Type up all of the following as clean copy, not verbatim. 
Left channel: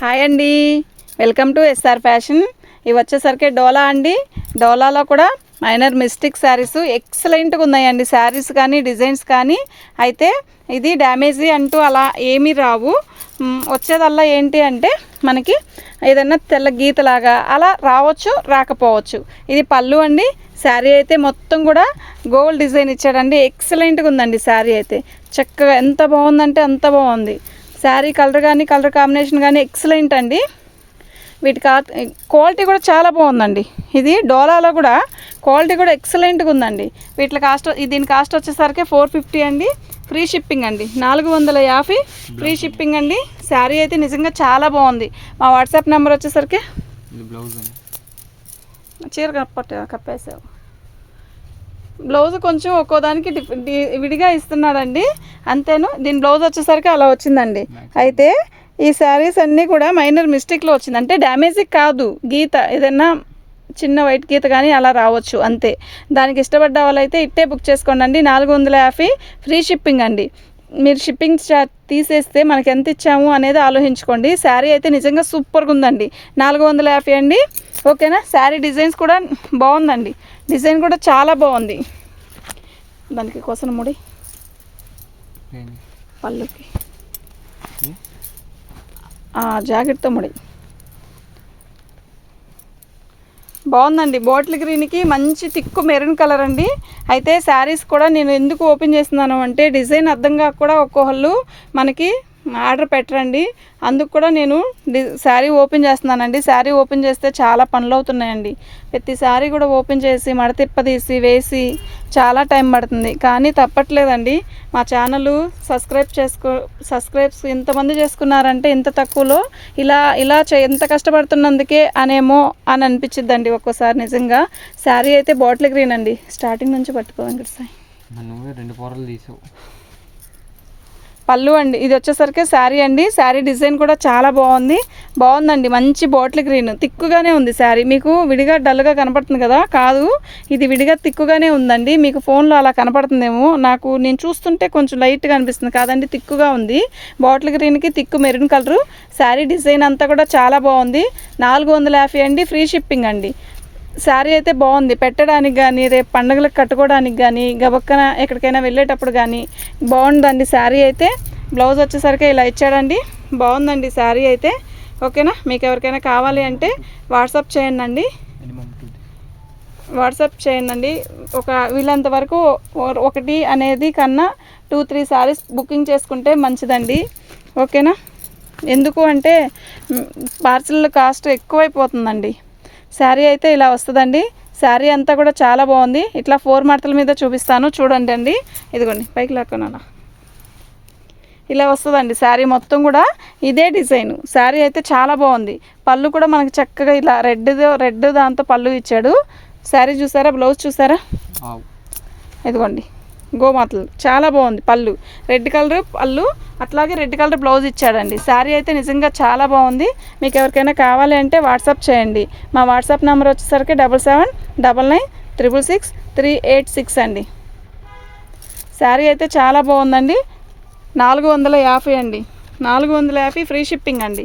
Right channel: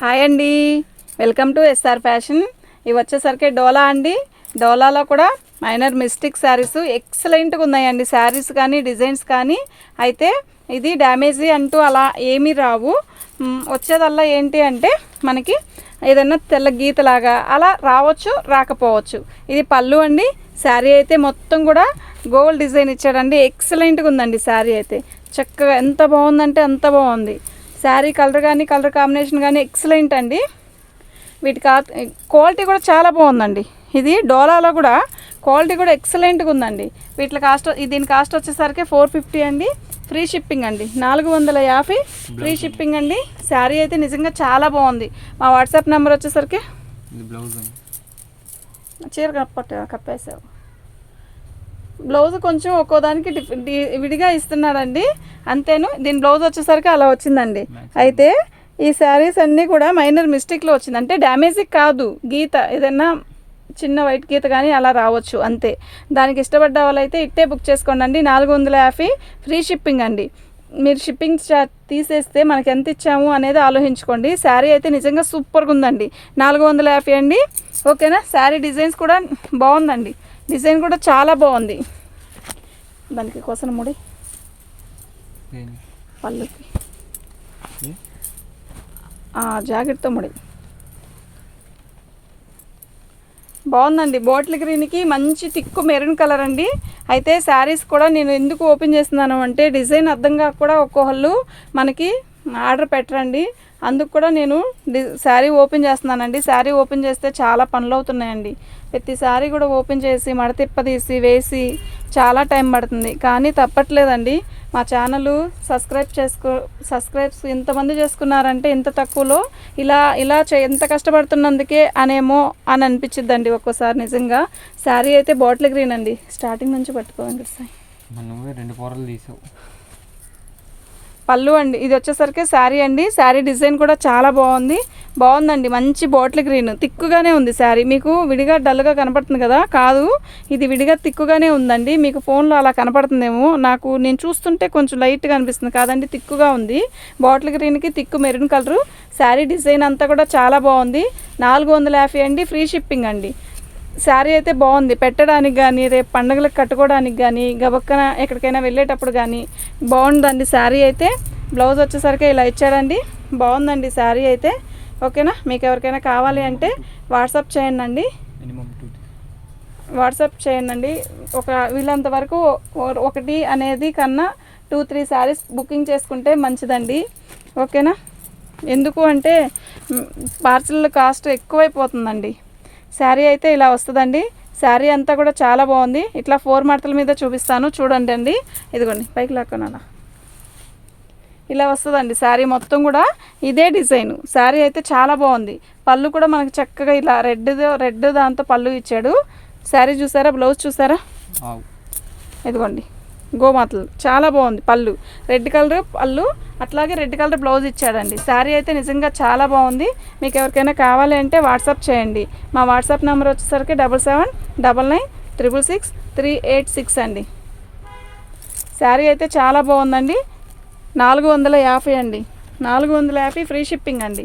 Hi అండి, welcome to SR fashion. ఇవి వచ్చేసరికి డోలా అండి. డోలాలో కూడా మైనర్ మిస్టేక్ శారీస్ ఎక్సలెంట్గా ఉన్నాయండి. శారీస్ కానీ డిజైన్స్ కానీ అయితే ఇది డ్యామేజీ అంటూ అలా ఏమీ రావు. వచ్చేదల్లా ఏంటి అంటే మనకి ఏదన్నా తెల్ల గీతలాగా అలా రావచ్చు, రాకపోవచ్చు. ఇది పళ్ళు అండి. శారీ అయితే మొత్తం కూడా గోల్డ్ డిజైన్ ఇచ్చాడండి. ఎక్సలెంట్గా ఉందండి శారీ అయితే. చక్కగా ఎంత బాగుందంటే అంత బాగుంది. శారీ కలర్ కానీ కలర్ కాంబినేషన్ కానీ ఎక్సలెంట్ అండి. వీటి క్వాలిటీ కూడా చాలా బాగుందండి. ఇది డోలాలో కూడా క్వాలిటీ కూడా ఎక్సలెంట్గా ఉందండి. దీని కాస్ట్ వచ్చేసరికి 450 అండి. ఫ్రీ షిప్పింగ్ అండి. 450 ఫ్రీ షిప్పింగ్ అండి. శారీ అయితే నిజంగా చాలా బాగుంది. మా వాట్సాప్ నెంబర్ వచ్చేసరికి చీర కప్పేసారు. బ్లౌజ్ కొంచెం ఒక్కో దానికి విడిగా ఇస్తున్నాడండి, అంతేను. దీని బ్లౌజ్ వచ్చేసరికి అలా వచ్చిందండి. అయితే ఈ శారీస్ అన్నీ కూడా మైనర్ మిస్టేక్లో వచ్చింది, అంటే డ్యామేజ్ కాదు, గీత ఏదైనా చిన్న వైట్ గీత కానీ అలా రావచ్చు అంతే. దానికి ఇష్టపడ్డ వాళ్ళైతే ఇట్టే బుక్ చేసుకోండి. 450 ఫ్రీ షిప్పింగ్ అండి. మీరు షిప్పింగ్ తీసేస్తే మనకి ఎంత ఇచ్చాము అనేది ఆలోచించుకోండి. శారీ అయితే నిజంగా సూపర్గా ఉందండి. 450 అండి. ఓకేనా. శారీ డిజైన్స్ కూడా బాగుందండి. డిజైన్ కూడా చాలా బాగుంది. దానికి కోసం ముడి పళ్ళుకి జాకెట్తో ముడి బాగుందండి. బాటిల్ గ్రీన్కి మంచి తిక్కు మెరూన్ కలర్ అండి. అయితే శారీస్ కూడా నేను ఎందుకు ఓపెన్ చేస్తున్నాను అంటే డిజైన్ అర్థం కాక కూడా ఒక్కొక్కళ్ళు మనకి ఆర్డర్ పెట్టరండి. అందుకు కూడా నేను శారీ ఓపెన్ చేస్తున్నానండి. శారీ ఓపెన్ చేస్తే చాలా పనులు అవుతున్నాయండి. ప్రతి శారీ కూడా ఓపెన్ చేసి మడతిప్పదీసి వేసి చాలా టైం పడుతుంది, కానీ తప్పట్లేదండి. మా ఛానల్ సబ్స్క్రైబ్స్ ఇంతమంది చేసుకున్నారంటే ఇంత తక్కువలో ఇలా ఎంత కష్టపడుతున్నందుకే అనేమో అని అనిపించిద్దండి ఒక్కోసారి. నిజంగా శారీ అయితే బాటిల్ గ్రీన్ అండి. స్టార్టింగ్ నుంచి పట్టుకోండి సార్. నువ్వే 2 పొరలు తీసావు. పళ్ళు అండి. ఇది వచ్చేసరికి శారీ అండి. శారీ డిజైన్ కూడా చాలా బాగుందండి. మంచి బాటిల్ గ్రీన్ తిక్కుగానే ఉంది శారీ. మీకు విడిగా డల్గా కనపడుతుంది కదా, కాదు, ఇది విడిగా తిక్కుగానే ఉందండి. మీకు ఫోన్లో అలా కనపడుతుందేమో, నేను చూస్తుంటే కొంచెం లైట్గా అనిపిస్తుంది, కాదండి తిక్కుగా ఉంది. బాటిల్ గ్రీన్కి తిక్కు మెరూన్ కలరు. శారీ డిజైన్ అంతా కూడా చాలా బాగుంది. 450 అండి. ఫ్రీ షిప్పింగ్ అండి. శారీ అయితే బాగుంది. పెట్టడానికి కానీ రేపు పండుగలకు కట్టుకోవడానికి కానీ గబక్కన ఎక్కడికైనా వెళ్ళేటప్పుడు కానీ బాగుందండి శారీ అయితే. బ్లౌజ్ వచ్చేసరికి ఇలా ఇచ్చాడండి. బాగుందండి శారీ అయితే. ఓకేనా. మీకు ఎవరికైనా కావాలి అంటే వాట్సాప్ చేయండి. వీళ్ళంత వరకు ఒకటి అనేది కన్నా 2-3 శారీస్ బుకింగ్ చేసుకుంటే మంచిదండి. ఓకేనా. ఎందుకు అంటే పార్సల్ కాస్ట్ ఎక్కువైపోతుందండి. శారీ అయితే ఇలా వస్తుందండి. శారీ అంతా కూడా చాలా బాగుంది. ఇట్లా 4 మడతల మీద చూపిస్తాను చూడండి అండి. ఇదిగోండి పైకి లేకనా ఇలా వస్తుందండి. శారీ మొత్తం కూడా ఇదే డిజైన్. శారీ అయితే చాలా బాగుంది. పళ్ళు కూడా మనకి చక్కగా ఇలా రెడ్ దాంతో పళ్ళు ఇచ్చాడు. శారీ చూసారా, బ్లౌజ్ చూసారా, ఇదిగోండి గోమాతలు చాలా బాగుంది. పళ్ళు రెడ్ కలర్ పళ్ళు, అట్లాగే రెడ్ కలర్ బ్లౌజ్ ఇచ్చాడండి. శారీ అయితే నిజంగా చాలా బాగుంది. మీకు ఎవరికైనా కావాలి అంటే వాట్సాప్ చేయండి. మా వాట్సాప్ నెంబర్ వచ్చేసరికి 7799966386 అండి. శారీ అయితే చాలా బాగుందండి. 450 అండి. 450 ఫ్రీ షిప్పింగ్ అండి.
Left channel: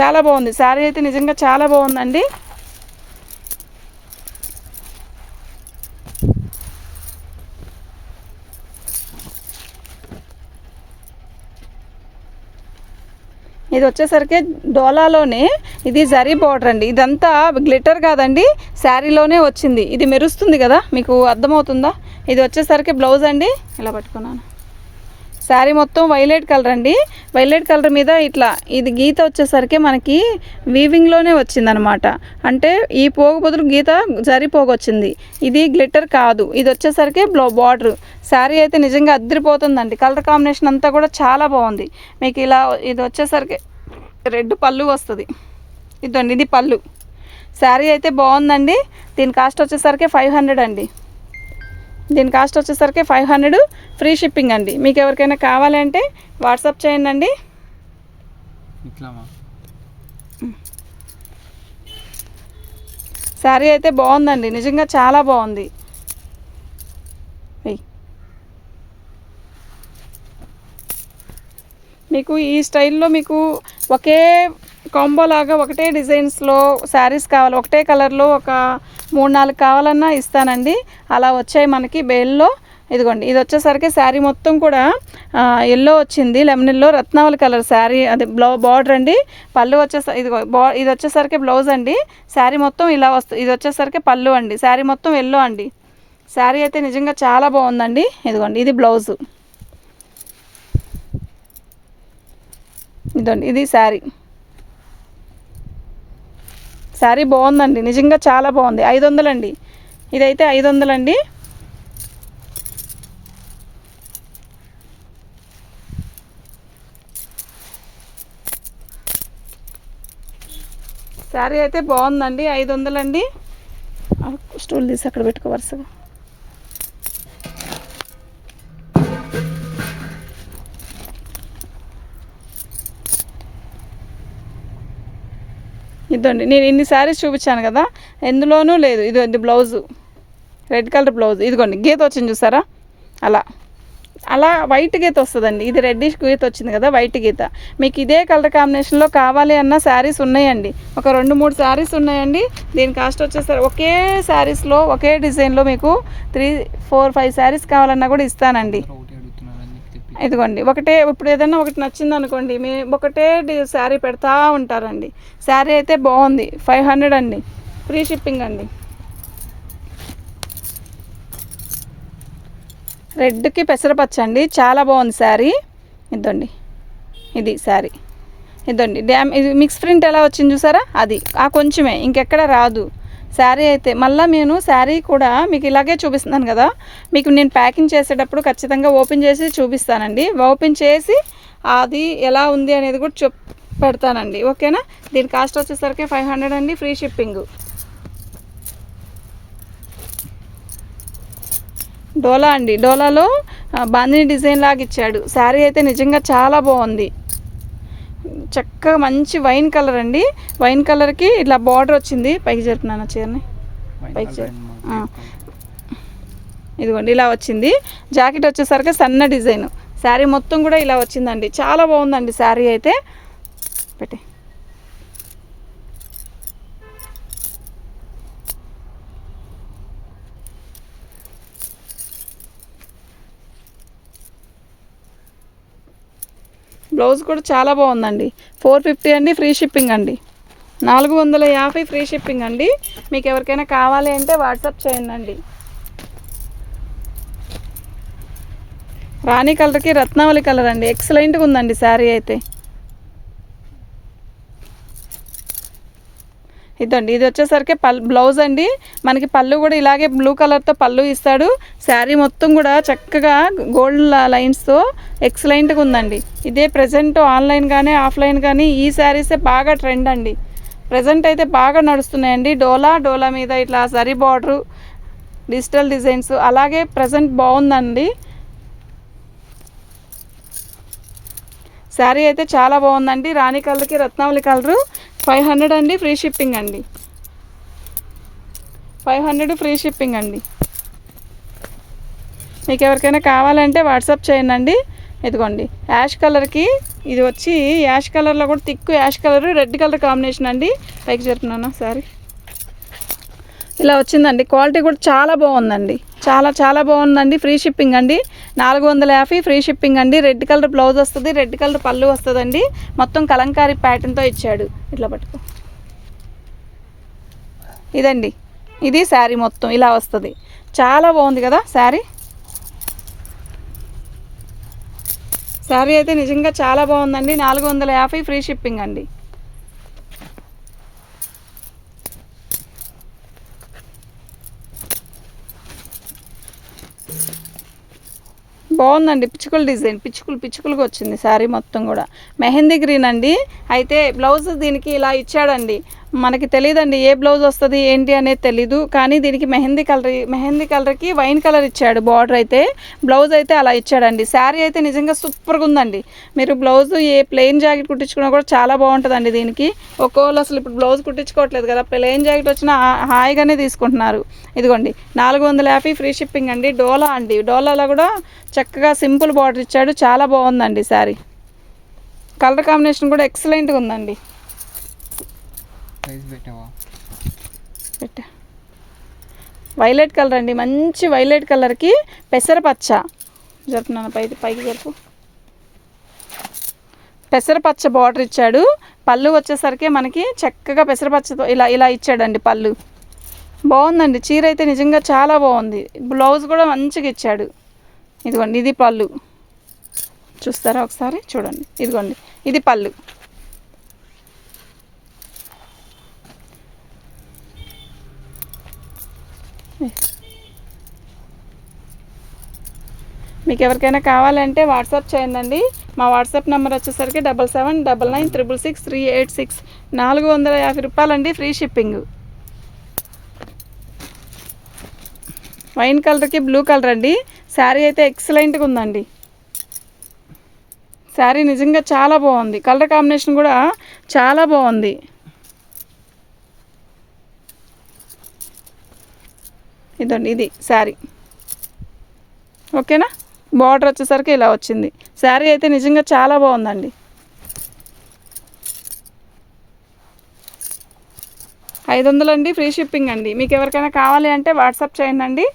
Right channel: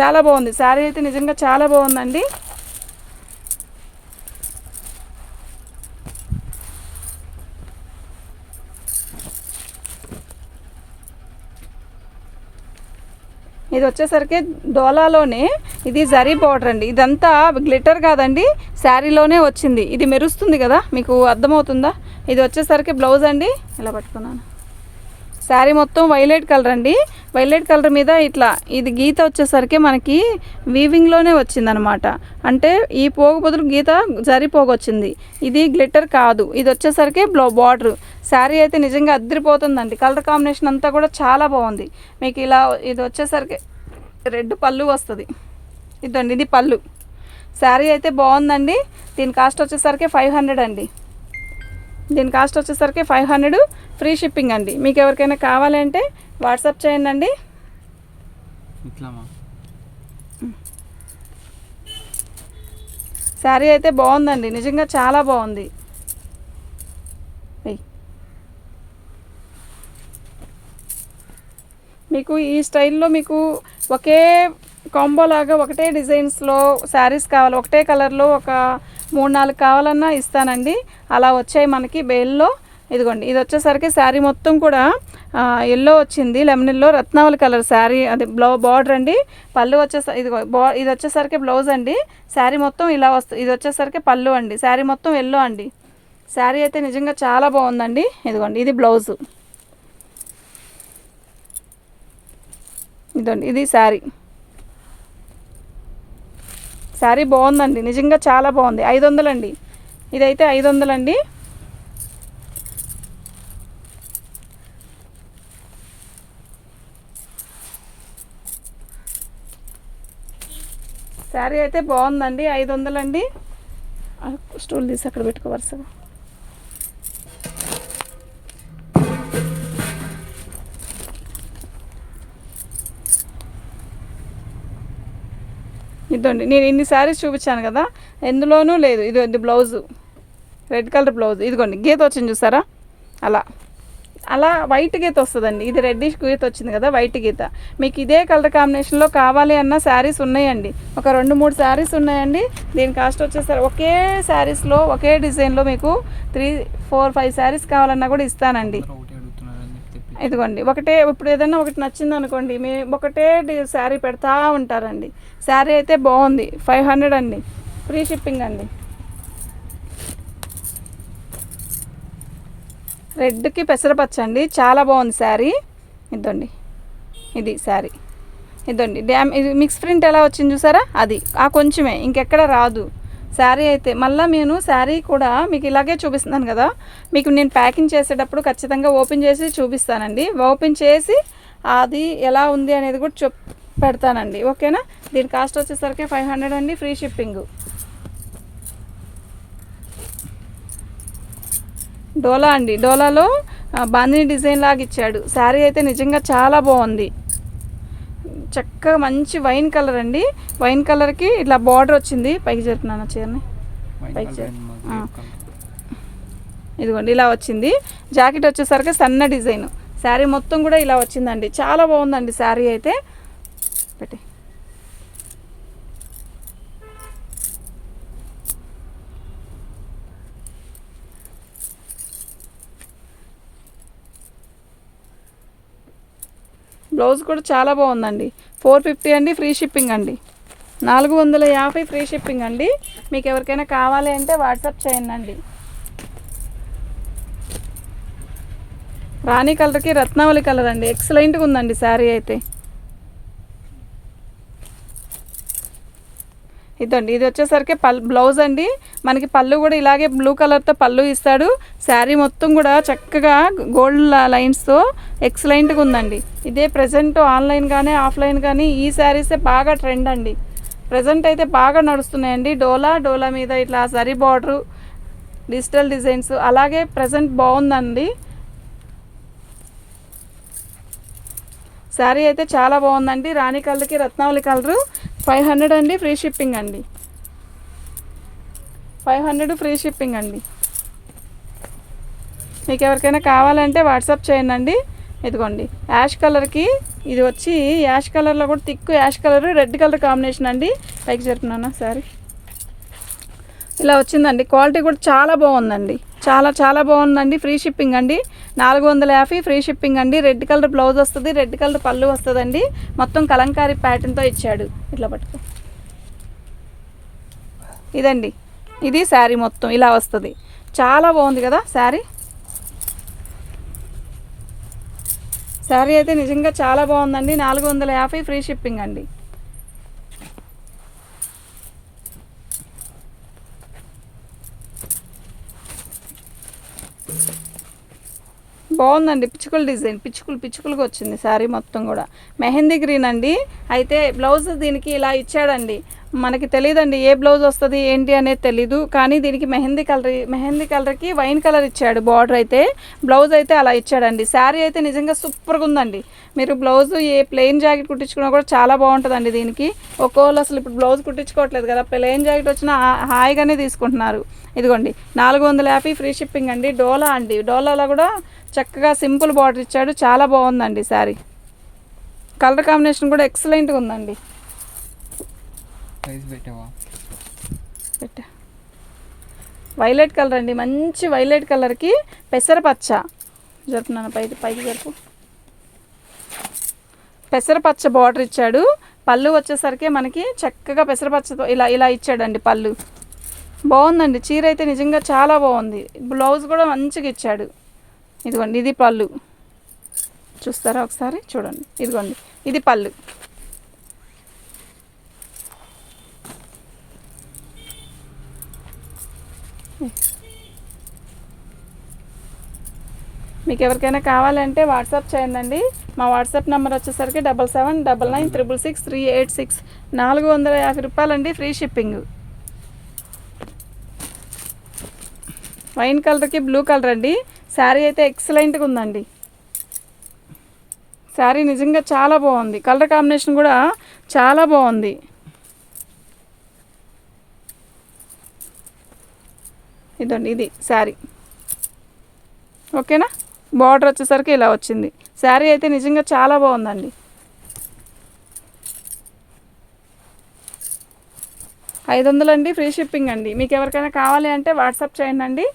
చాలా బాగుంది శారీ అయితే నిజంగా చాలా బాగుందండి. ఇది వచ్చేసరికి డోలాలోనే ఇది జరీ బార్డర్ అండి. ఇదంతా గ్లిటర్ కాదండి, శారీలోనే వచ్చింది. ఇది మెరుస్తుంది కదా, మీకు అర్థమవుతుందా. ఇది వచ్చేసరికి బ్లౌజ్ అండి. ఇలా పట్టుకున్నాను. శారీ మొత్తం వైలెట్ కలర్ అండి. వైలెట్ కలర్ మీద ఇట్లా ఇది గీత వచ్చేసరికి మనకి వీవింగ్లోనే వచ్చిందనమాట. అంటే ఈ పోగు బదులు గీత జరీ పోగు వచ్చింది. ఇది గ్లిటర్ కాదు. ఇది వచ్చేసరికి బార్డర్. శారీ అయితే నిజంగా అద్దరిపోతుందండి. కలర్ కాంబినేషన్ అంతా కూడా చాలా బాగుంది. మీకు ఇలా ఇది వచ్చేసరికి రెడ్ పళ్ళు వస్తుంది. ఇదండి ఇది పళ్ళు. శారీ అయితే బాగుందండి. దీని కాస్ట్ వచ్చేసరికి 500 అండి. దీని కాస్ట్ వచ్చేసరికి 500 ఫ్రీ షిప్పింగ్ అండి. మీకు ఎవరికైనా కావాలి అంటే వాట్సాప్ చేయండి. శారీ అయితే బాగుందండి. నిజంగా చాలా బాగుంది. మీకు ఈ స్టైల్లో మీకు ఒకే కాంబో లాగా ఒకటే డిజైన్స్లో శారీస్ కావాలి, ఒకటే కలర్లో ఒక 3-4 కావాలన్నా ఇస్తానండి. అలా వచ్చాయి మనకి బేల్లో. ఇదిగోండి, ఇది వచ్చేసరికి శారీ మొత్తం కూడా ఎల్లో వచ్చింది, లెమన్ ఎల్లో రత్నావళి కలర్ శారీ, అది బార్డర్ అండి. పళ్ళు వచ్చేసరికి ఇది వచ్చేసరికి బ్లౌజ్ అండి. శారీ మొత్తం ఇలా వస్తుంది. ఇది వచ్చేసరికి పళ్ళు అండి. శారీ మొత్తం ఎల్లో అండి. శారీ అయితే నిజంగా చాలా బాగుందండి. ఇదిగోండి, ఇది బ్లౌజు. ఇదండి, ఇది శారీ. శారీ బాగుందండి, నిజంగా చాలా బాగుంది. 500 అండి. ఇదైతే 500 అండి. శారీ అయితే బాగుందండి, 500 అండి. స్టూల్ తీసి అక్కడ పెట్టుకో వరుసగా. ఇదండి, నేను ఇన్ని శారీస్ చూపించాను కదా, ఎందులోనూ లేదు. ఇది బ్లౌజు, రెడ్ కలర్ బ్లౌజ్. ఇదిగోండి, గీత వచ్చింది చూసారా, అలా అలా వైట్ గీత వస్తుందండి. ఇది రెడ్డిష్ గీత వచ్చింది కదా, వైట్ గీత. మీకు ఇదే కలర్ కాంబినేషన్లో కావాలి అన్న శారీస్ ఉన్నాయండి. ఒక 2-3 శారీస్ ఉన్నాయండి. దీని కాస్ట్ వచ్చేసరికి ఒకే శారీస్లో ఒకే డిజైన్లో మీకు 3-4-5 శారీస్ కావాలన్నా కూడా ఇస్తానండి. ఇదిగోండి, ఒకటే ఇప్పుడు ఏదైనా ఒకటి నచ్చింది అనుకోండి, ఒకటే శారీ పెడతా ఉంటారండి. శారీ అయితే బాగుంది, 500 అండి. ఫ్రీ షిప్పింగ్ అండి. రెడ్కి పెసరపచ్చ అండి, చాలా బాగుంది శారీ. ఇదండి, ఇది శారీ. ఇదండి, ఇది మిక్స్ ప్రింట్ ఎలా వచ్చింది చూసారా, అది కొంచెమే, ఇంకెక్కడ రాదు శారీ అయితే. మళ్ళీ నేను శారీ కూడా మీకు ఇలాగే చూపిస్తున్నాను కదా, మీకు నేను ప్యాకింగ్ చేసేటప్పుడు ఖచ్చితంగా ఓపెన్ చేసి చూపిస్తానండి. ఓపెన్ చేసి అది ఎలా ఉంది అనేది కూడా పెడతానండి, ఓకేనా. దీని కాస్ట్ వచ్చేసరికి 500 అండి, ఫ్రీ షిప్పింగ్. డోలా అండి, డోలాలో బాందిని డిజైన్ లాగా ఇచ్చాడు. శారీ అయితే నిజంగా చాలా బాగుంది. చక్కగా మంచి వైన్ కలర్ అండి. వైన్ కలర్కి ఇట్లా బార్డర్ వచ్చింది. పైకి జరుపున్నాను చీరని, పైకి ఇదిగోండి ఇలా వచ్చింది. జాకెట్ వచ్చేసరికి సన్న డిజైన్. శారీ మొత్తం కూడా ఇలా వచ్చిందండి, చాలా బాగుందండి శారీ అయితే. పెట్టి బ్లౌజ్ కూడా చాలా బాగుందండి. 450 అండి, ఫ్రీ షిప్పింగ్ అండి. 450 ఫ్రీ షిప్పింగ్ అండి. మీకు ఎవరికైనా కావాలి అంటే వాట్సాప్ చేయండి. రాణి కలర్కి రత్నావళి కలర్ అండి, ఎక్సలెంట్గా ఉందండి శారీ అయితే. ఇదండి, ఇది వచ్చేసరికి బ్లౌజ్ అండి. మనకి పళ్ళు కూడా ఇలాగే బ్లూ కలర్తో పళ్ళు ఇస్తాడు. శారీ మొత్తం కూడా చక్కగా గోల్డ్ లైన్స్తో ఎక్సలెంట్గా ఉందండి. ఇదే ప్రజెంట్ ఆన్లైన్ కానీ ఆఫ్లైన్ కానీ ఈ శారీసే బాగా ట్రెండ్ అండి. ప్రజెంట్ అయితే బాగా నడుస్తున్నాయండి. డోలా మీద ఇట్లా జరీ బార్డరు, డిజిటల్ డిజైన్స్, అలాగే ప్రజెంట్ బాగుందండి. శారీ అయితే చాలా బాగుందండి. రాణి కలర్కి రత్నావళి కలరు, 500 అండి, ఫ్రీ షిప్పింగ్ అండి. 500 ఫ్రీ షిప్పింగ్ అండి. మీకు ఎవరికైనా కావాలంటే వాట్సాప్ చేయండి. ఇదిగోండి, యాష్ కలర్కి ఇది వచ్చి యాష్ కలర్లో కూడా thick ash colour red colour combination అండి. పైకి జరుపుతున్నాను శారీ ఇలా వచ్చిందండి. క్వాలిటీ కూడా చాలా బాగుందండి, చాలా బాగుందండి. ఫ్రీ షిప్పింగ్ అండి. 450 ఫ్రీ షిప్పింగ్ అండి. రెడ్ కలర్ బ్లౌజ్ వస్తుంది, రెడ్ కలర్ పళ్ళు వస్తుందండి. మొత్తం కలంకారీ ప్యాటర్న్తో ఇచ్చాడు. ఇట్లా పట్టుకో, ఇదండి, ఇది శారీ మొత్తం ఇలా వస్తుంది. చాలా బాగుంది కదా శారీ. శారీ అయితే నిజంగా చాలా బాగుందండి. 450 ఫ్రీ షిప్పింగ్ అండి. బాగుందండి, పిచ్చుకల డిజైన్, పిచ్చుకలుగా వచ్చింది శారీ మొత్తం కూడా. మెహందీ గ్రీన్ అండి. అయితే బ్లౌజ్ దీనికి ఇలా ఇచ్చాడండి. మనకి తెలియదండి ఏ బ్లౌజ్ వస్తుంది ఏంటి అనేది తెలీదు, కానీ దీనికి మెహందీ కలర్కి వైన్ కలర్ ఇచ్చాడు బార్డర్ అయితే. బ్లౌజ్ అయితే అలా ఇచ్చాడండి. శారీ అయితే నిజంగా సూపర్గా ఉందండి. మీరు బ్లౌజ్ ఏ ప్లెయిన్ జాకెట్ కుట్టించుకున్నా కూడా చాలా బాగుంటుందండి. దీనికి ఒక్కోళ్ళు అసలు ఇప్పుడు బ్లౌజ్ కుట్టించుకోవట్లేదు కదా, ప్లెయిన్ జాకెట్ వచ్చినా హాయిగానే తీసుకుంటున్నారు. ఇదిగోండి, 450 ఫ్రీ షిప్పింగ్ అండి. డోలా అండి, డోలాలో కూడా చక్కగా సింపుల్ బార్డర్ ఇచ్చాడు. చాలా బాగుందండి శారీ. కలర్ కాంబినేషన్ కూడా ఎక్సలెంట్గా ఉందండి. ప్రైస్ పెట్టావా? పెట్టా. వైలెట్ కలర్ అండి, మంచి వైలెట్ కలర్కి పెసరపచ్చ జరుపున్నాను, పైకి జరుపు. పెసరపచ్చ బార్డర్ ఇచ్చాడు. పళ్ళు వచ్చేసరికి మనకి చక్కగా పెసరపచ్చతో ఇలా ఇచ్చాడండి పళ్ళు. బాగుందండి చీర అయితే నిజంగా చాలా బాగుంది. బ్లౌజ్ కూడా మంచిగా ఇచ్చాడు. ఇదిగోండి ఇది పళ్ళు, చూస్తారా ఒకసారి చూడండి. ఇదిగోండి ఇది పళ్ళు. మీకు ఎవరికైనా కావాలంటే వాట్సాప్ చేయండి. మా వాట్సాప్ నెంబర్ వచ్చేసరికి 7799966386. 450 రూపాయలండి, ఫ్రీ షిప్పింగ్. వైన్ కలర్కి బ్లూ కలర్ అండి. శారీ అయితే ఎక్సలెంట్గా ఉందండి. శారీ నిజంగా చాలా బాగుంది. కలర్ కాంబినేషన్ కూడా చాలా బాగుంది. ఇదండి ఇది శారీ. ఓకేనా? బార్డర్ వచ్చేసరికి ఇలా వచ్చింది. శారీ అయితే నిజంగా చాలా బాగుందండి. 500 అండి, ఫ్రీ షిప్పింగ్ అండి. మీకు ఎవరికైనా కావాలి అంటే వాట్సాప్ చేయండి.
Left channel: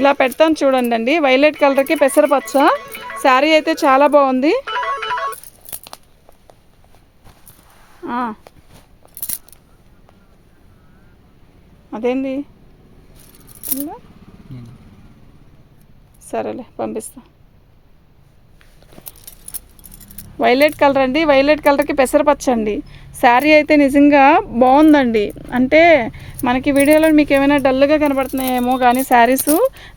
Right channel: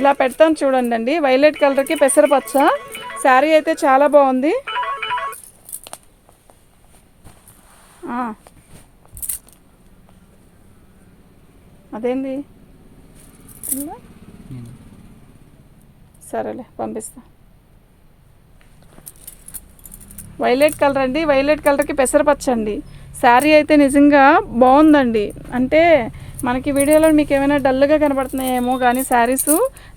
ఇలా పెడతాను చూడండి అండి. వైలెట్ కలర్కి పెసరపచ్చ. శారీ అయితే చాలా బాగుంది. అదేంది సరేలే పంపిస్తా. వైలెట్ కలర్ అండి, వైలెట్ కలర్కి పెసరపచ్చ అండి. శారీ అయితే నిజంగా బాగుందండి. అంటే మనకి వీడియోలో మీకు ఏమైనా డల్గా కనబడుతున్నాయేమో కానీ శారీస్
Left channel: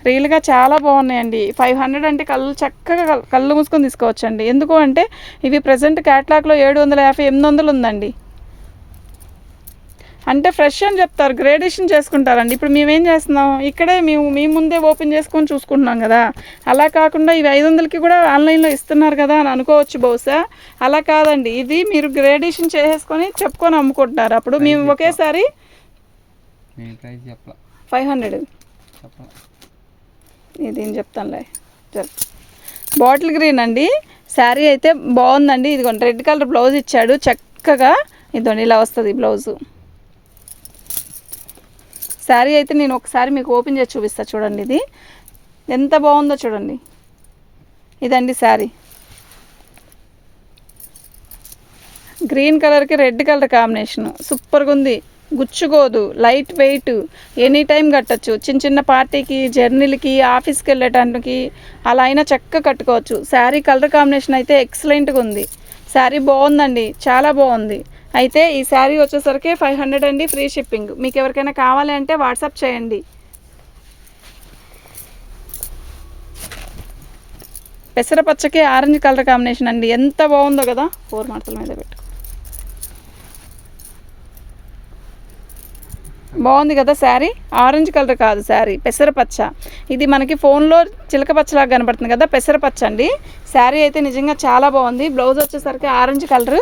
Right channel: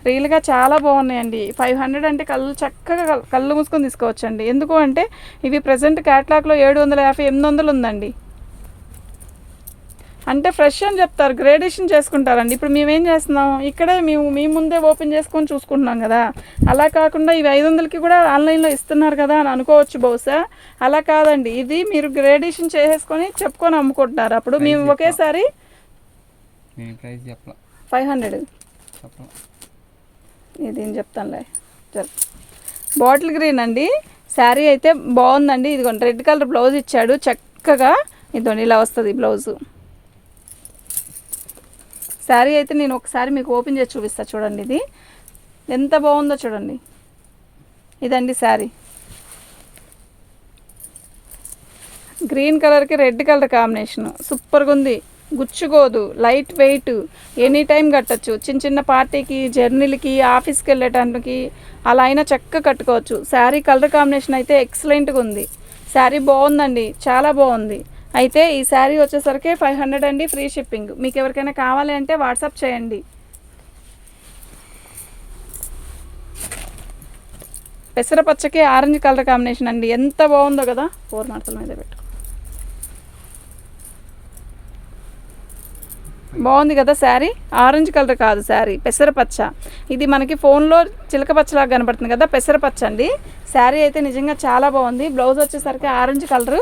రియల్గా చాలా బాగున్నాయండి. 500 అంటే చక్కగా కళ్ళు మూసుకొని తీసుకోవచ్చండి. ఎందుకు అంటే ఇవి ప్రజెంట్ క్యాట్లాగ్లో 750, 800 ఉందండి. అంటే ఫ్రెష్ అని చెప్తారు, గ్రేడేషన్ చేసుకుంటారండి. ఇప్పుడు మేమేం చేస్తున్నాం, ఇక్కడే మీ ముందే ఓపెన్ చేసుకొని చూసుకుంటున్నాం కదా. అలా కాకుండా ఇవి 500కి కూడా ఆన్లైన్లో ఇస్తున్నారు కదా అని అనుకోవచ్చు బహుశా. అలా కాదండి, ఇది మీరు గ్రేడేషన్ చేసేసుకొని చెప్పుకొని అమ్ముకుంటున్నారు. అప్పుడు మేము ఒకేసారి 500 ఇదేం చెప్తానులే. బాటిల్ గ్రీన్ అండి. శారీ అయితే బాగుందండి. ఇదిగోండి రెడ్ కలర్ బ్లౌజ్ ఇచ్చాడు చక్కగా. ఇదిగోండి ఇలా వస్తుంది బ్లౌజు. శారీ అయితే నేను ఒకసారి మీకు ఓపెన్ చేసి చూపిస్తాను చూడండి. ఇది ఎంత బాగుందో చూడండి. ఇదండి శారీ. గ్రీన్ కలర్కి రెడ్ కలర్ కాంబినేషను సూపర్గా ఉంది. గుచ్చుకోదు, లైట్ వెయిట్, ఎనీ టైం కట్టచ్చు. చిన్న పార్టీకి, జర్నీలకి, ఆఫీస్కి వెళ్ళటానికి అలా అయినా చక్కగా కట్టుకోవచ్చు. శారీ కలర్ కాంబినేషన్ అయితే ఎక్సలెంట్గా ఉంది. శారీ బాగుందండి, చాలా బాగుంది. అయితే ఈ శారీ వచ్చేసరికి 500 అండి, ఫ్రీ షిప్పింగ్. మీకు ఎవరికైనా కావాలి అంటే వాట్సాప్ చేయండి. పెసరపచ్చకి ఆరెంజ్ కలర్ కాంబినేషన్ అండి, ఎంత బాగుందో కదా. 4 మార్కుల మీద పెట్టు. బాగుంది కదా శారీ. ఆరెంజ్ కలర్ కాదు శారీ, పెసరపచ్చ. ఇది మనకి ఫోన్లో చిలక పచ్చలాగా కనబడుతుంది కదా, పెసరపచ్చ అండి. శారీ అయితే నిజంగా చాలా బాగుంది. బ్లౌజ్ వచ్చేసరికి ఆరెంజ్ కలరు.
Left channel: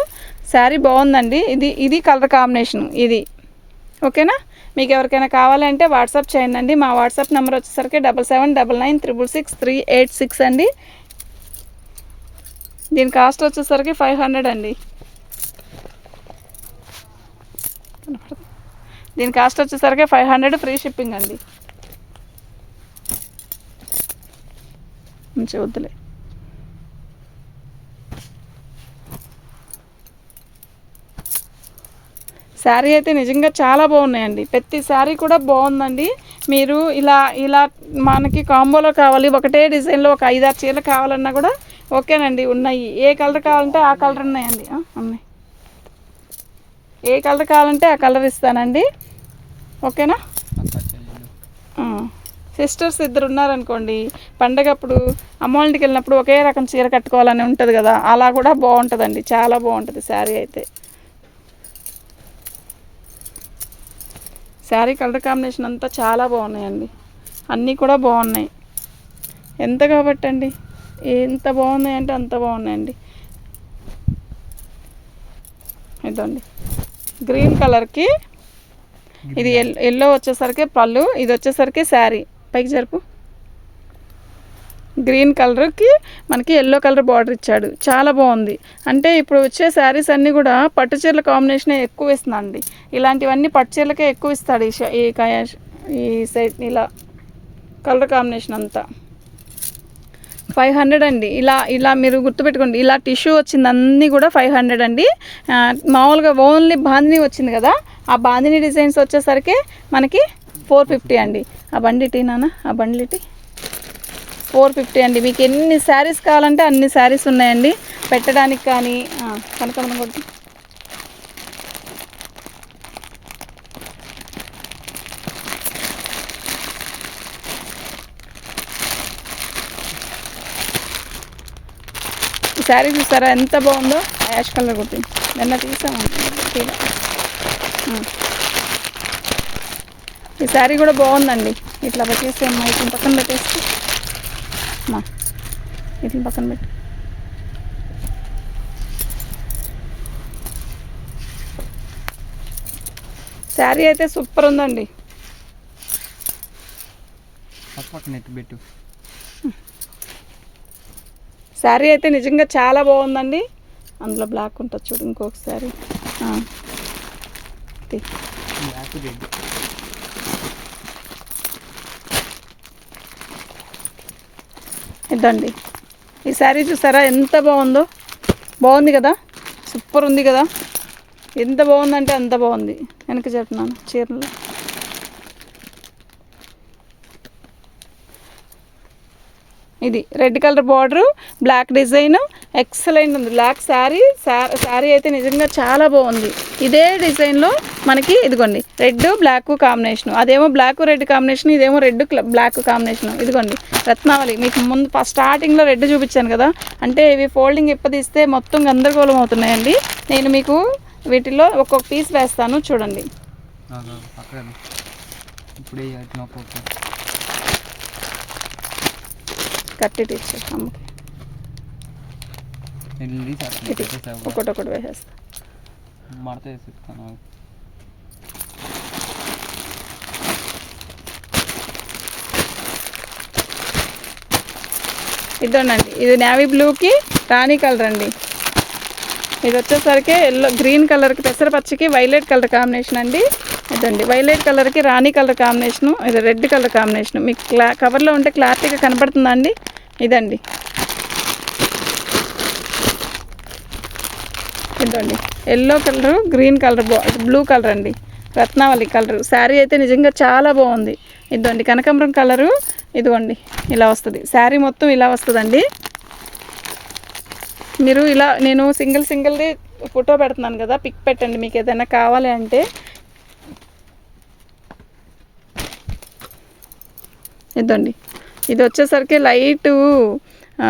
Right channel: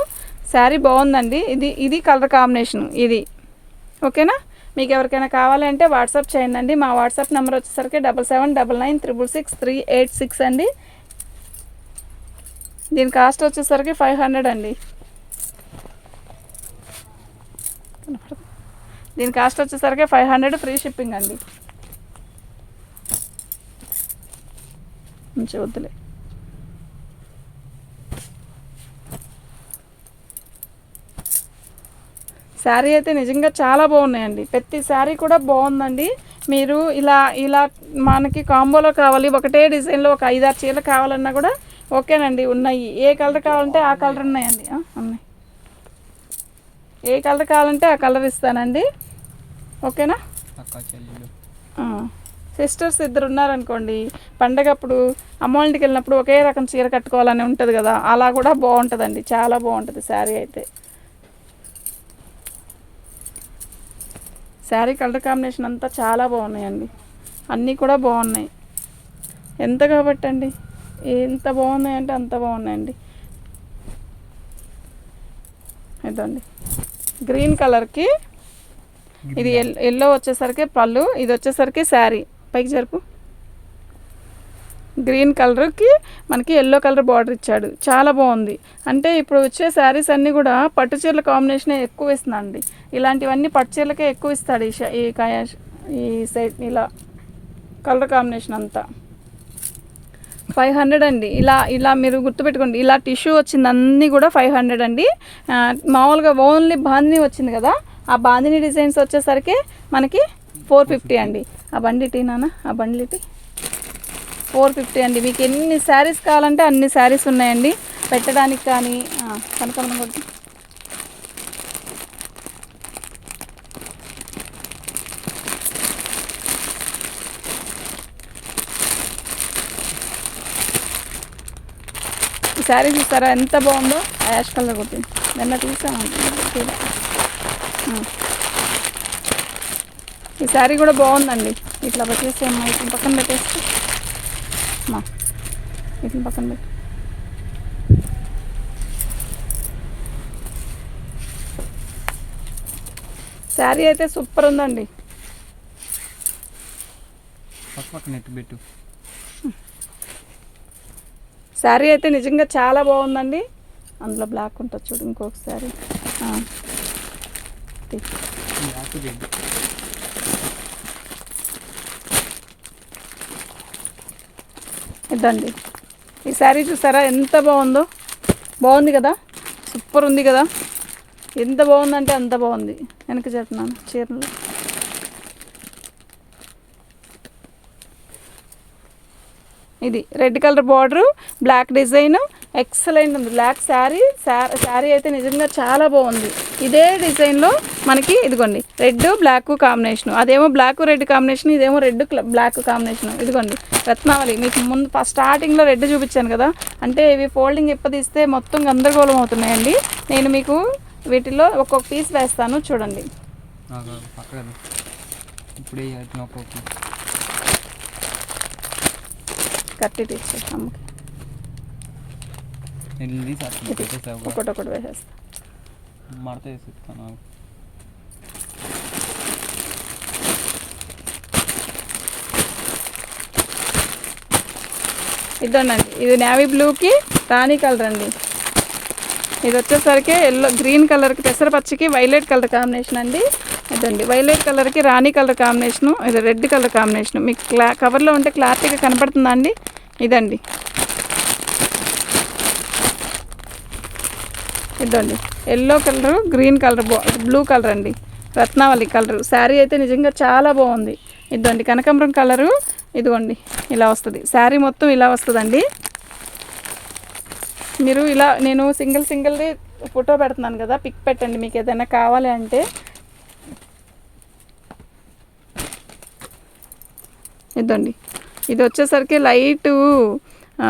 శారీ బాగుందండి. ఇది కలర్ కాంబినేషను ఇది. ఓకేనా? మీకు ఎవరికైనా కావాలంటే వాట్సాప్ చేయండి. మా వాట్సాప్ నెంబర్ వచ్చేసరికి 7799966386 అండి. దీని కాస్ట్ వచ్చేసరికి 500 అండి. దీని కాస్ట్ వచ్చేసరికి 500, ఫ్రీ షిప్పింగ్ అండి. మంచి వద్దులే. శారీ అయితే నిజంగా చాలా బాగున్నాయండి. ప్రతి శారీ కూడా బాగుందండి. మీరు ఇలా మనకి కాంబోలో కావాలి, ఒకటే డిజైన్లో ఒక 5-6 చీరలు కావాలన్నా కూడా ఓకేనండి, ఉన్నాయి. ఏ కలర్ కావాలంటే ఆ కలర్ ఉన్నాయండి, ఉన్నాయి. ఏ కలర్ కావాలంటే ఆ కలర్ ఇస్తానండి. ఓకేనా? సిస్టర్స్ 2 ఉన్నారనుకోండి, పండగప్పుడు అమ్మ వాళ్ళ ఇంటికి వెళ్ళినప్పుడు ఒకే రకం చీర కట్టుకోవాలని ఉంటుంది కదా, అలా కూడా బాగుంటుందండి. చాలా బాగుంటుంది శారీ అయితే. శారీ కలర్ కాంబినేషన్ అంతా చాలా బాగున్నాయండి. అన్నీ కూడా బాగున్నాయి. ఎంత కాబట్టి అండి, ఎంత బాగున్నాయంటే అంత బాగున్నాయండి. ఇదండి గ్రీన్ కలర్కి, ఇది ఎల్లో వచ్చేసరికి పళ్ళు, ఇది వచ్చేసరికి శారీ. పైకి జరుపు. గ్రీన్ కలర్కి మనకి ఎల్లో కలర్ బార్డర్ ఇచ్చాడు, చాలా బాగుంది. అంటే ఇప్పుడు వచ్చే శారీస్ అన్నీ కూడా పట్టు చీరల కాంబినేషనే ఎక్కువ ఇస్తున్నాండి. ఇలాంటివన్నీ పట్టు చీరలకే ఎక్కువ ఇస్తాడు ఈ సైడ్ ఇలా కలర్ కాంబినేషన్ అంతా. 500 అండి. ఇలా మీరు గుర్తుపెట్టుకోండి, ఇలా టిష్యూ వచ్చింది అన్నీ కూడా 500 అండి. మామూలుగా ఓన్లీ బాందిని వచ్చింది కదా, ఆ బాందిని డిజైన్స్ వచ్చేసరికి మనకి 450 అండి. ఆ బండి టీ నాన్న, ఆ బండ్లు టీ 450 అండి. మీకు ఎన్ని శారీస్ కావాలంటే అన్ని శారీస్ ఉన్నాయండి పెట్టడానికి. కానీ కనకమరం కొట్టు. ఈ శారీ చూసారా ఎంత బాగుందో, యాష్ కలర్ కొట్టి నిన్న చూసాను. ఈ శారీ కూడా బాగుందండి. ఇట్లా పెట్టేసి అమ్మా, ఇట్లా పక్కన పెట్టేసి అమ్మా, ఇట్లా పక్కన పెట్టి. శారీ అయితే సూపర్ ఉందండి. పక్క నెట్ పెట్టు. శారీ అయితే నిజంగా చాలా బాగుందండి. అందులో బ్లాక్ ఉంటుంది చూడు, ఇంకొక శారీ బ్లాక్ రెడ్. ఇదండి ఈ శారీ చూసారా ఎంత బాగుందో, బాగుంది కదా, సూపర్ ఉంది కదా. ఎంత బాగుందంటే అంత బాగుంది. వెనక చెప్తున్నాను చీరలో. ఇది red colour border, black design, excellent ఉంది. బ్లాక్ శారీ అయితే నిజంగా చాలా బాగుంది. ఇదే డిజైన్లో మనకి ఇదిగోండి రెడ్ బ్లాక్ కాంబినేషన్, అదేమో బ్లాక్ రెడ్ కాంబినేషన్, ఇదేమో రెడ్ బ్లాక్ కాంబినేషన్. ఇదిగోండి రత్నావళి. మీకు ముందు స్టార్టింగ్లో రెడ్ చూపించాను కదా, అంటే ఇవి ఫోల్డింగ్ ఇప్పదీస్తే మొత్తం గందరగోళం అవుతున్నాయండి. నేను మీకు వీటిలో ఒక్కొక్క పీస్ వేస్తాను చూడండి. ఇప్పుడే కట్టి తీసుకో ఒకటి వేసేస్తా. మడత వేసిస్తాను. ఇదండి, ఇది నేవీ బ్లూకి రాణి కలర్ అండి. ఇది వచ్చేసరికి ఎల్లో గ్రీన్ కలర్కి పెసరపచ్చికి వైలెట్ కలర్ కాంబినేషన్ అండి. ఇదండి వైలెట్ కలర్కి రాణి కలర్ కాంబినేషను, ఇది రెడ్ కలర్ కాంబినేషను. మీకు కవర్లో ఉంటే క్లారిటీగా కనపడుతుందా అండి? ఇదండి, ఇదండి yellow colour, green colour, blue colour అండి, రత్నావళి కలరు. శారీ అయితే నిజంగా చాలా బాగుంది. ఇదండి కనకాంబరం కలరు. ఇదిగోండి ఇలా వస్తుంది శారీ మొత్తం, ఇలా వస్తుందండి. మీరు ఇలా నేను సింగిల్ది ఫోటో పెడుతున్నాను కదా, పిక్ పెట్టండి మీకు ఏదైనా కావాలి అంటే. ఇదండి ఇది వచ్చేసరికి లైట్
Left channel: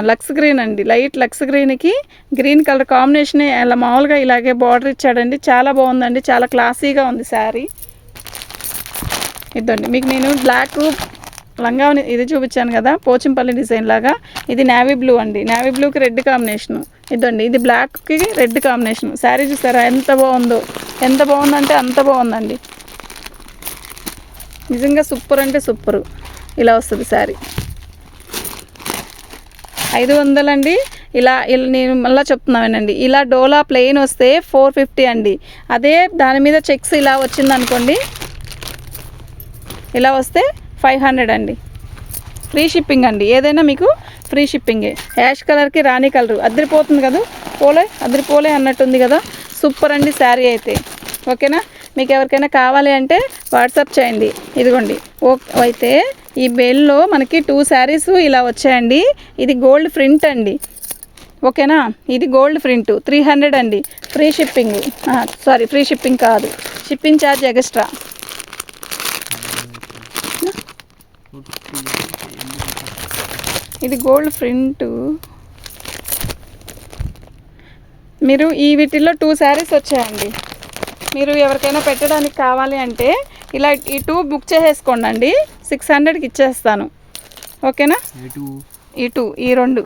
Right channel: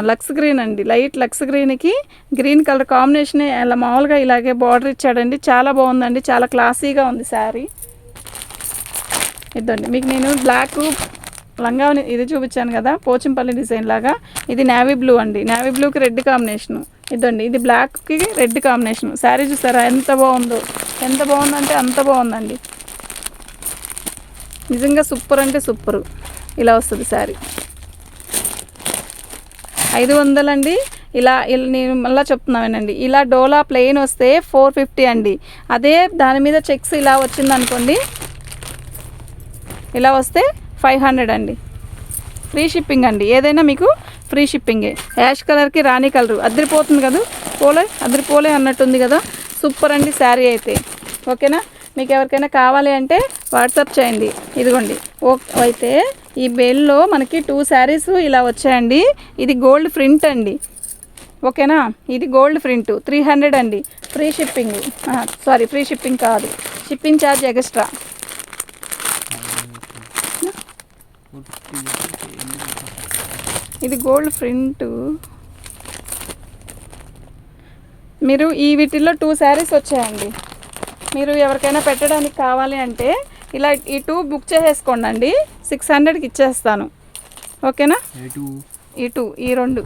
లక్స్ గ్రీన్ అండి. లైట్ లక్స్ గ్రీన్కి గ్రీన్ కలర్ కాంబినేషనే ఇలా మామూలుగా ఇలాగే బార్డర్ ఇచ్చాడండి. చాలా బాగుందండి, చాలా క్లాసీగా ఉంది శారీ. ఇదండి మీకు నేను బ్లాక్ లంగా ఇది చూపించాను కదా, పోచంపల్లి డిజైన్ లాగా. ఇది నేవీ బ్లూ అండి, నేవీ బ్లూకి రెడ్ కాంబినేషను. ఇదండి ఇది బ్లాక్కి రెడ్ కాంబినేషన్. శారీ చూసారా ఎంత బాగుందో, ఎంత బాగుందంటే అంత బాగుందండి. నిజంగా సూపర్ అంటే సూపరు. ఇలా వస్తుంది శారీ 500 అండి. ఇలా నేను మళ్ళీ చెప్తున్నానండి, ఇలా డోలా ప్లెయిన్ వస్తే 450 అండి. అదే దాని మీద చెక్స్ ఇలా వచ్చింది అనుకోండి, ఇలా వస్తే 500 అండి. ఫ్రీ షిప్పింగ్ అండి, ఏదైనా మీకు ఫ్రీ షిప్పింగే. యాష్ కలర్కి రాణి కలరు అదిరిపోతుంది కదా, అదిరిపోలే అన్నట్టుంది కదా. సూపర్ అండి శారీ అయితే. ఓకేనా, మీకు ఎవరికైనా కావాలి అంటే వాట్సాప్ చేయండి. ఇదిగోండి అయితే ఈ బెల్లో మనకి 2 శారీస్ ఇలా వచ్చాయండి. ఇది గోల్డ్ ప్రింట్ అండి. ఓకేనా, ఇది గోల్డ్ ప్రింట్ 300 అండి. Free shipping, sorry free shipping కాదు, షిప్పింగ్ ఛార్జ్ ఎక్స్ట్రా. ఇది గోల్డ్ ప్రింట్. మీరు ఈ వీటిల్లో 2 శారీస్ వచ్చాయండి. మీరు ఎవరికైనా పెట్టడానికి కావాలి అంటే ఇలా ఈ 2 బుక్ చేసేసుకోండి అండి, 600కి ఇచ్చేస్తాను. ఓకేనా, ఈ 2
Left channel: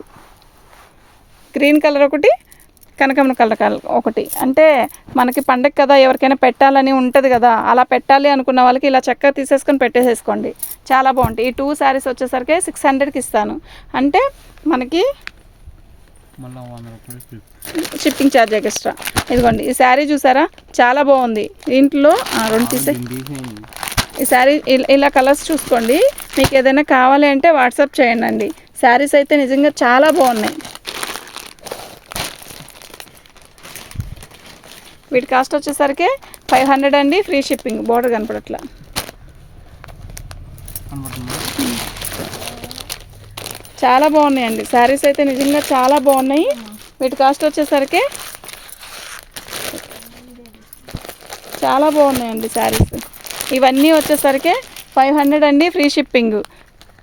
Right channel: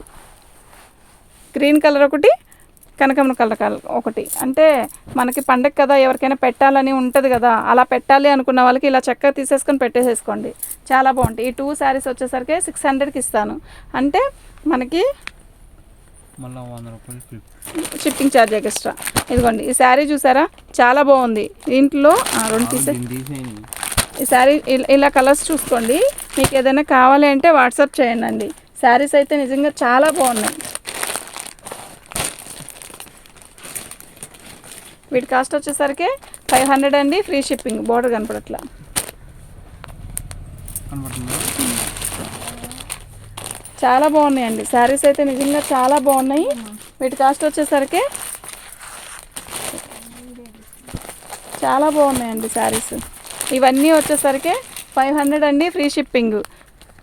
గ్రీన్ కలర్ ఒకటి, కనకమ్మ కలర్ ఒకటి. అంటే మనకి పండగ కదా, ఎవరికైనా పెట్టాలని ఉంటుంది కదా, అలా పెట్టాలి అనుకున్న వాళ్ళకి ఇలా చక్కగా తీసేసుకొని పెట్టేసేసుకోండి, చాలా బాగుంటాయి. ఈ 2 శారీస్ వచ్చేసరికి 600కి ఇస్తాను. అంటే మనకి మళ్ళీ 100 రూపాయలు ఫ్రీ. Shipping charge extra. ఇదిగోండి ఈ శారీ చూసారా, చాలా బాగుంది. దీంట్లో రెండు తీసే తీసేయండి. ఈ శారీ ఇలా కలర్స్ చూసుకోండి. మీకు ఏదైనా కావాలి అంటే వాట్సాప్ చేయండి అండి. శారీస్ అయితే నిజంగా చాలా బాగున్నాయి. వీటి కాస్ట్ వచ్చేసరికి 500 అండి, ఫ్రీ షిప్పింగ్. బోర్డర్ కనపడట్లా, కనబడుతుందా? చాలా బాగున్నాయండి శారీస్ అయితే నిజంగా చాలా బాగున్నాయి. వీటి కాస్ట్ వచ్చేసరికి చాలా బాగున్నాయండి శారీస్. ఇవన్నీ వచ్చేసరికి 500 అండి, ఫ్రీ షిప్పింగ్.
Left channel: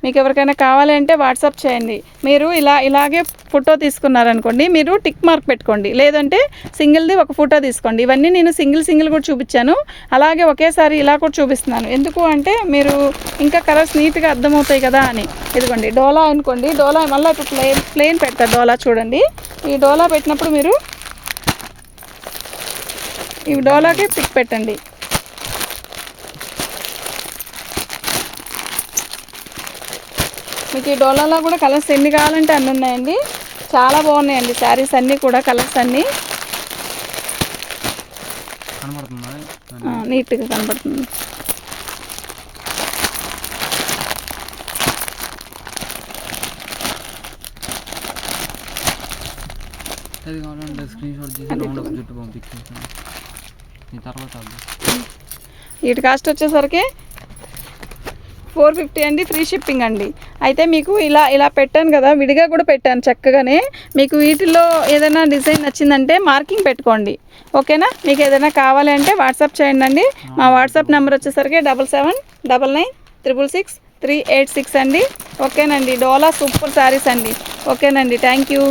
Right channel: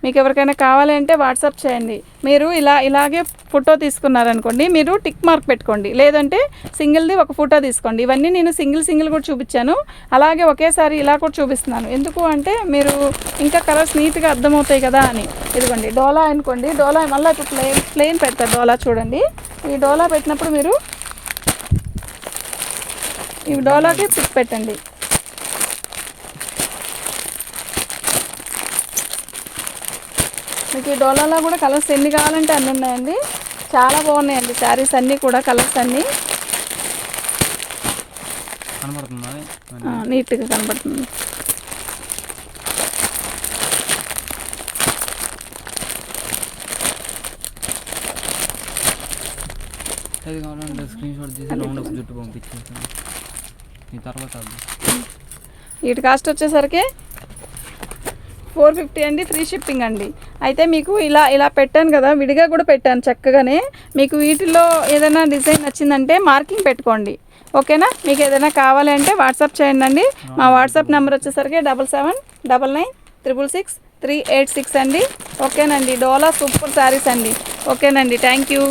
మీకు ఎవరికైనా కావాలి అంటే వాట్సాప్ చేయండి. మీరు ఇలాగే ఫోటో తీసుకున్నారనుకోండి, మీరు టిక్ మార్క్ పెట్టుకోండి, లేదంటే సింగిల్ది ఒక ఫోటో తీసుకోండి. ఇవన్నీ నేను సింగిల్ కూడా చూపించాను, అలాగే ఒకేసారి ఇలా కూడా చూపిస్తున్నాను. ఎందుకు అంటే మీరు ఇంకా కలర్స్ నీట్గా అర్థమవుతాయి కదా అని. ఇదిగోండి డోలా అనుకోండి, డోలా మళ్ళీ ఇప్పుడు ప్లేన్ పెడతారు డోలా. చూడండి ఈ డోలా పెట్టినప్పుడు మీరు ఈ డోలాకి టిక్ పెట్టండి. మీకు ఈ డోలాలో కూడా కలర్స్ ఎన్ని కావాలంటే అన్నీ ఉన్నాయండి, చాలా బాగున్నాయండి శారీస్ అన్నీ కూడా. కలర్స్ అన్నీ కనబడుతుందా? నీట్గా కనబడుతుంది. అది కావాలంటే స్క్రీన్ షాట్ తీసి రౌండ్ అప్ జుట్టు పంపించేస్తాను. ఈ తర్వాత వీటి కాస్ట్ వచ్చేసరికి 450 అండి, ఫ్రీ షిప్పింగ్ అండి. అయితే మీకు ఇలా పెట్టాను కదా, విడిగా కూడా పెట్టాను చక్కగానే. మీకు వీటిల్లో ఏదైనా డిజైన్ నచ్చిందంటే మార్కింగ్ పెట్టుకోండి, ఓకేనా. మీకు ఏదైనా కావాలి అంటే వాట్సాప్ చేయండి అండి. మా వాట్సాప్ నెంబర్ వచ్చేసరికి 7799666386 అండి. ఓకేనండి. డోలా సూపర్ శారీస్ అండి. ఓకేనండి, థ్యాంక్ యూ.